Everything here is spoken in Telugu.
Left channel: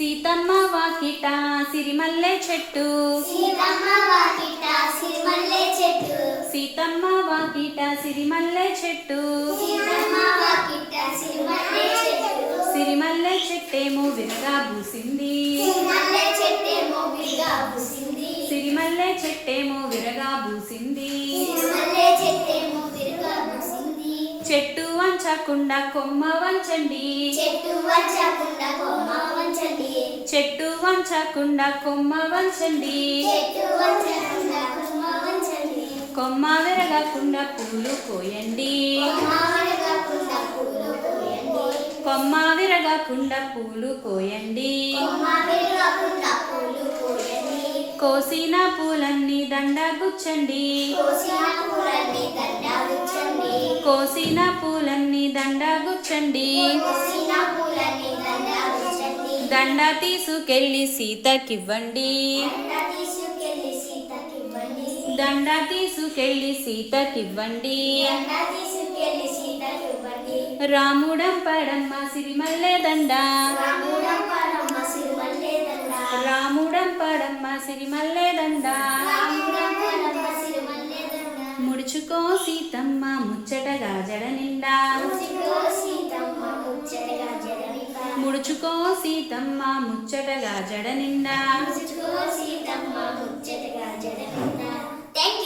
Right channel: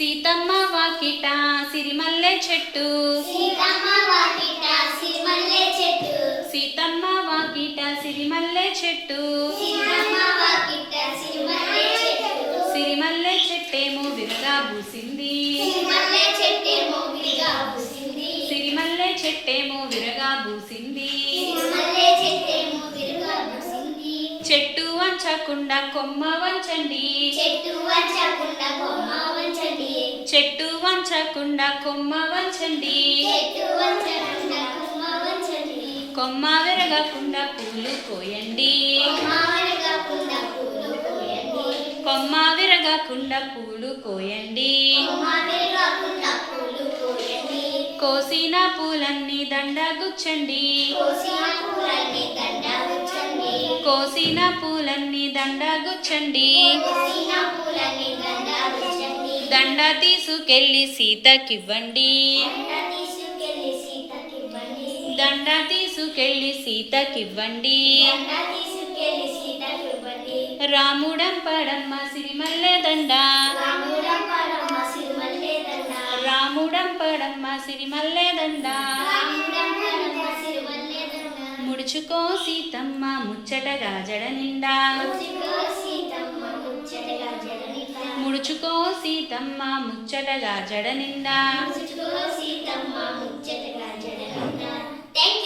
సీతమ్మ వాకిట సిరిమల్లె చెట్టు సీతమ్మ వాకిట సిరిమల్లె చెట్టు సీతమ్మ వాకిట సిరిమల్లె చెట్టు సీతమ్మ వాకిట సిరిమల్లె చెట్టు సిరిమల్లె చెట్టేమో విరగా పూసింది సిరిమల్లె చెట్టేమో విరగా పూసింది సిరిమల్లె చెట్టేమో విరగా పూసింది సిరిమల్లె చెట్టేమో విరగా పూసింది చెట్టు వంచకుండా కొమ్మ వంచండి చెట్టు వంచకుండా కొమ్మ వంచండి చెట్టు వంచకుండా కొమ్మ వంచండి చెట్టు వంచకుండా కొమ్మ వంచండి కొమ్మ విరగకుండా పూలు కోయండి కొమ్మ విరగకుండా పూలు కోయండి కొమ్మ విరగకుండా పూలు కోయండి కొమ్మ విరగకుండా పూలు కోయండి కోసిన పూలన్నీ దండ గుచ్చండి కోసిన పూలన్నీ దండ గుచ్చండి కోసిన పూలన్నీ దండ గుచ్చండి కోసిన పూలన్నీ దండ గుచ్చండి దండ తీసుకెళ్ళి సీతకివ్వండి దండ తీసుకెళ్ళి సీతకివ్వండి దండ తీసుకెళ్ళి సీతకివ్వండి దండ తీసుకెళ్ళి సీతకివ్వండి రాముడంపడమ్మ సిరిమల్లె దండ రాముడంపడమ్మ సిరిమల్లె దండ రాముడంపడమ్మ సిరిమల్లె దండ రాముడంపడమ్మ సిరిమల్లె దండ ముడుచుకో సీతమ్మ ముచ్చటగా జడ నిండా ముచ్చుకో సీతమ్మ ముచ్చటగా జడ నిండా ముడుచుకో సీతమ్మ ముచ్చటగా జడ నిండా ముచ్చుకో సీతమ్మ ముచ్చటగా